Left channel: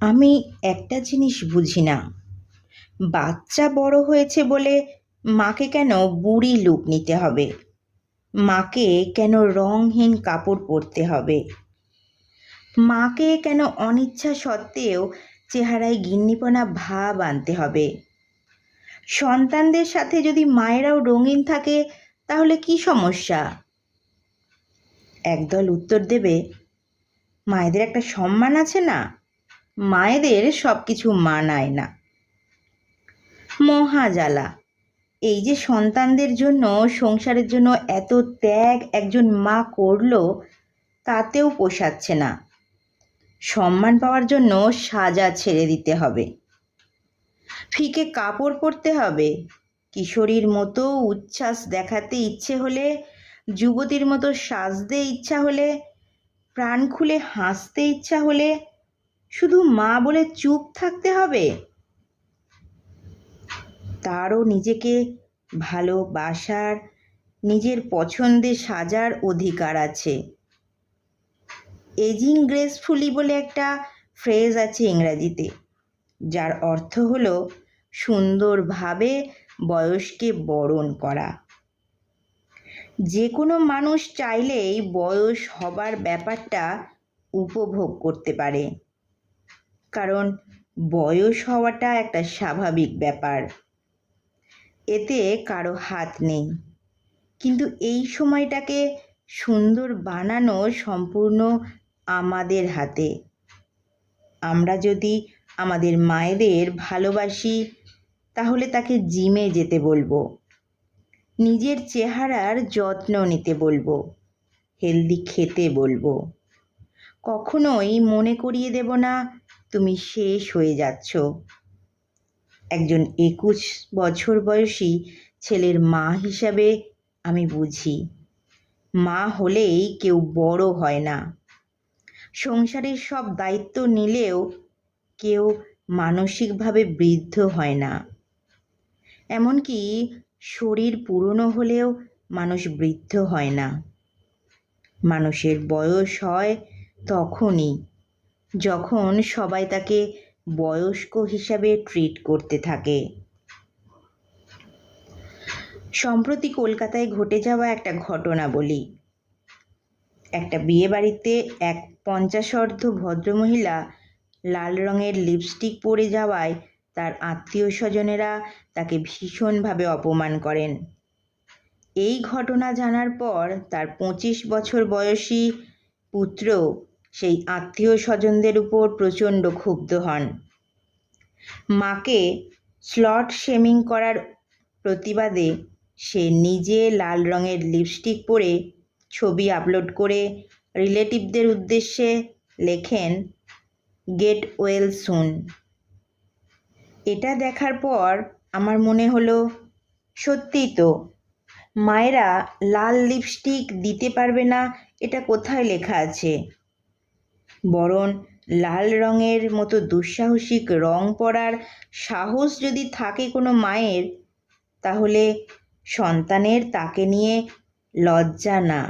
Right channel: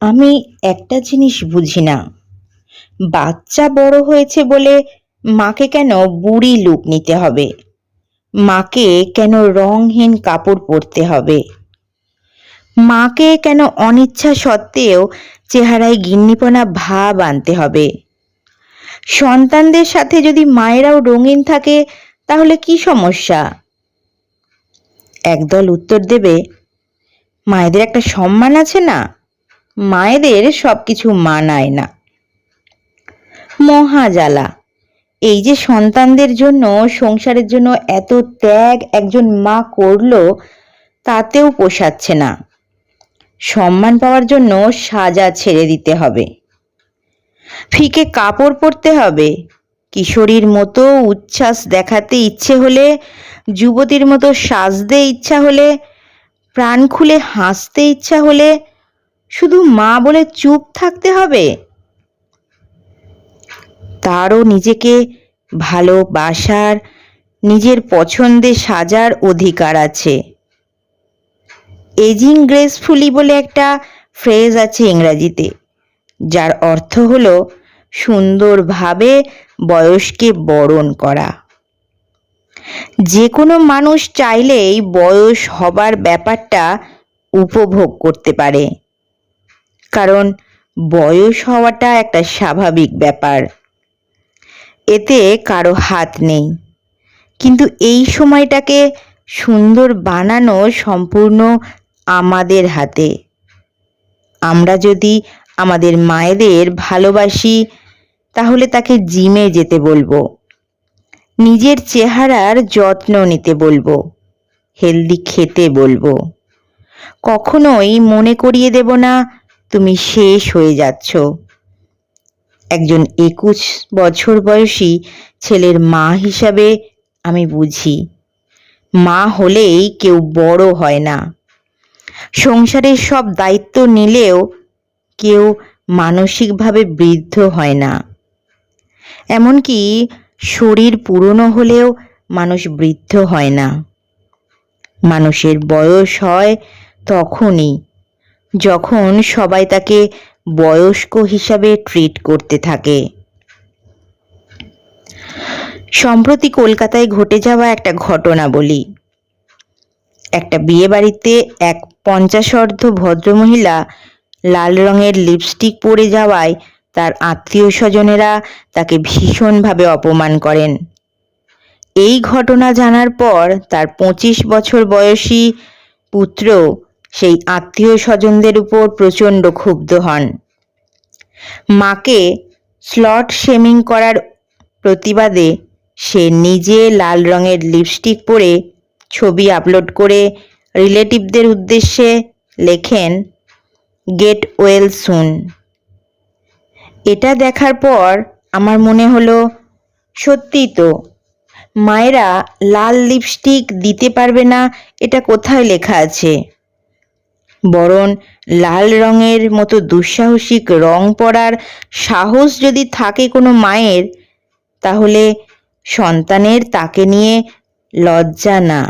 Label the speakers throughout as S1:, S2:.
S1: আমি একটা জিনিস বুঝি না। বাচ্চা বড় হয়েছে বলে মাকে কেন বুড়ি লুক নিতে হবে? মাকে কেন রংহীন কাপড় পরতে হবে? মাকে কেন অনিচ্ছা সত্ত্বেও চেহারায় গিন্নিপনা ভাব আনতে হবে? সন্তানদের সাথে যদি মায়েরাও রঙিন থাকে, তাহলে কি সমস্যা? একদল উত্তর দেবে, মায়েদের একটা সম্মান আছে না? মায়েদের সব কিছু মানায় না। মহাজালা, এই যে সন্তানদের জন্য, সংসারের জন্য এত ত্যাগ একজন মা করল, তাতেও পোষাচ্ছে না। সম্মান পাওয়ার জন্য সাজা ছেড়ে দিতে হবে। ফিকে কাপড় পরতে হবে। কিশোরীর মতো উচ্ছ্বাস দেখাতে ইচ্ছে হলে, যুবতীর মতো সাজতে ইচ্ছা হলে, প্রাণ খুলে হাসতে ইচ্ছা হলে শুধু মা বলে চুপ থাকতে হবে? তারও নিজেকে ভালোবাসার, নিজের পছন্দে সাজার অধিকার আছে। এজিং গ্রেসফুলি বলে একটা ফ্রেজ আছে ইংরাজিতে, যার অর্থ হলো সুন্দরভাবে বয়সকে বরণ করা। যে কোনো মানুষ চাইলেই বয়স হবার ব্যাপারটা উপভোগ করতে পারে। কারণ বয়স হওয়াটা একটা স্বাভাবিক ব্যাপার। এতে কারও হাত নেই। কিন্তু এই সময়টাকে সুন্দর বানানো সম্পূর্ণ আমাদের হাতে। আমরা যদি আমাদের মায়েদের ভালোবাসি, তাহলে তাকে জিমে যেতে বলব। নিজের চেহারার যত্ন নিতে বলব। হেলদি খেতে বলব। কখনোই মনে করিয়ে দেব না তুমি শেষ হয়ে যাচ্ছ। একজন একুশ বছর বয়সী ছেলের মা হিসাবে আমি বুঝি। মা হলেই কেউ বড় হয় না। সংসারের সব দায়িত্ব নিলেও কেউ মানসিকভাবে বৃদ্ধ হয় না। এমনকি শরীর পুরনো হলেও মানুষ বৃদ্ধ হয় না। মানুষের বয়স হয় তখনই যখন সবাই তাকে বয়স্ক হিসাবে ট্রিট করতে থাকে। সম্প্রতি কলকাতায় ঘটে যাওয়া একটা ঘটনা বলি। একটা বিয়ে বাড়িতে এক পঞ্চাশর্ধ ভদ্রমহিলা লাল রঙের লিপস্টিক পরে যাওয়ায় তার আত্মীয় স্বজনেরা তাকে ভীষণভাবে অপমান করেন। এই ঘটনা জানার পর তার পঁচিশ বছর বয়সী পুত্র সেই আত্মীয় স্বজনদের উপর প্রচণ্ড ক্ষুব্ধ হন। মাকে স্লট শেমিং করার প্রতিবাদে সে নিজে লাল রঙের লিপস্টিক পরে ছবি আপলোড করে রিলেটিভদের উদ্দেশ্যে লেখেন, গেট ওয়েল সুন। এটা দেখার পর আমার মনে হলো, সত্যি তো, মায়েরা লাল লিপস্টিক দিতে পারবে না, এটা কোথায় লেখা আছে? বরং লাল রঙের মতো দুঃসাহসিক রং পরার সাহস যদি থাকে কোনো মায়ের, তাহলে সন্তানের তাকে নিয়ে লজ্জা না,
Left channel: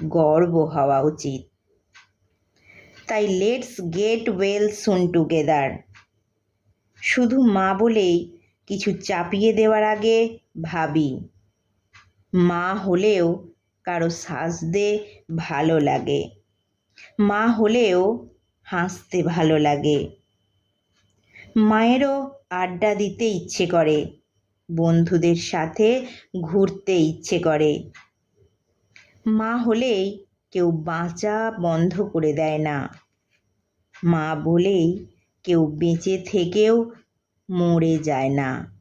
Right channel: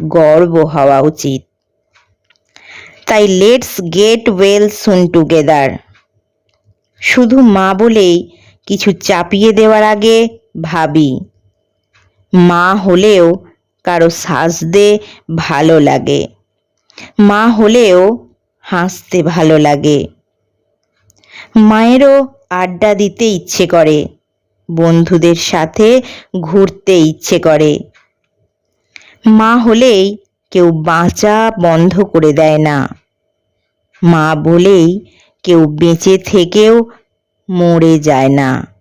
S1: গর্ব হওয়া উচিত। তাই let's get well soon together. শুধু মা বলেই কিছু চাপিয়ে দেওয়ার আগে ভাবি, মা হলেও কারও সাজতে ভালো লাগে। মা হলেও হাসতে ভালো লাগে। মায়েরও আড্ডা দিতে ইচ্ছে করে, বন্ধুদের সাথে ঘুরতে ইচ্ছে করে। মা হলেই কেউ বাঁচা বন্ধ করে দেয় না। মা বলেই কেউ বেঁচে থেকেও মরে যায় না।